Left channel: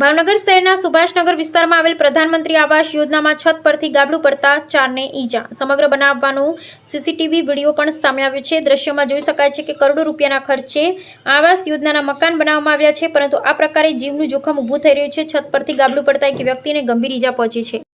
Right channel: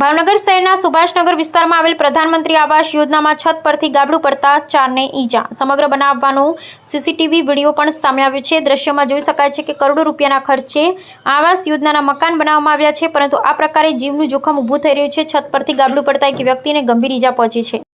ભાવનગર શહેરના સુભાષનગર વિસ્તારમાં આવેલ પ્રધાનમંત્રી આવાસ યોજનામાં છત પરથી ગાબડું પડતા 4ને ઈજા. સમગ્ર બનાવવાનું સીસીટીવી વિડીયો પણ સામે આવ્યો છે. દ્રશ્યમાં જોઈ શકાય છે કે કરોડો રૂપિયાના ખર્ચે આવાસ યોજનાના મકાન બનાવવામાં આવ્યા છે, પરંતુ આ પ્રકારે જીવનું જોખમ ઊભું થઈ રહ્યું છે. છત પરથી ગાબડું પડતા એક વ્યક્તિને ગંભીર ઈજા પહોંચી છે.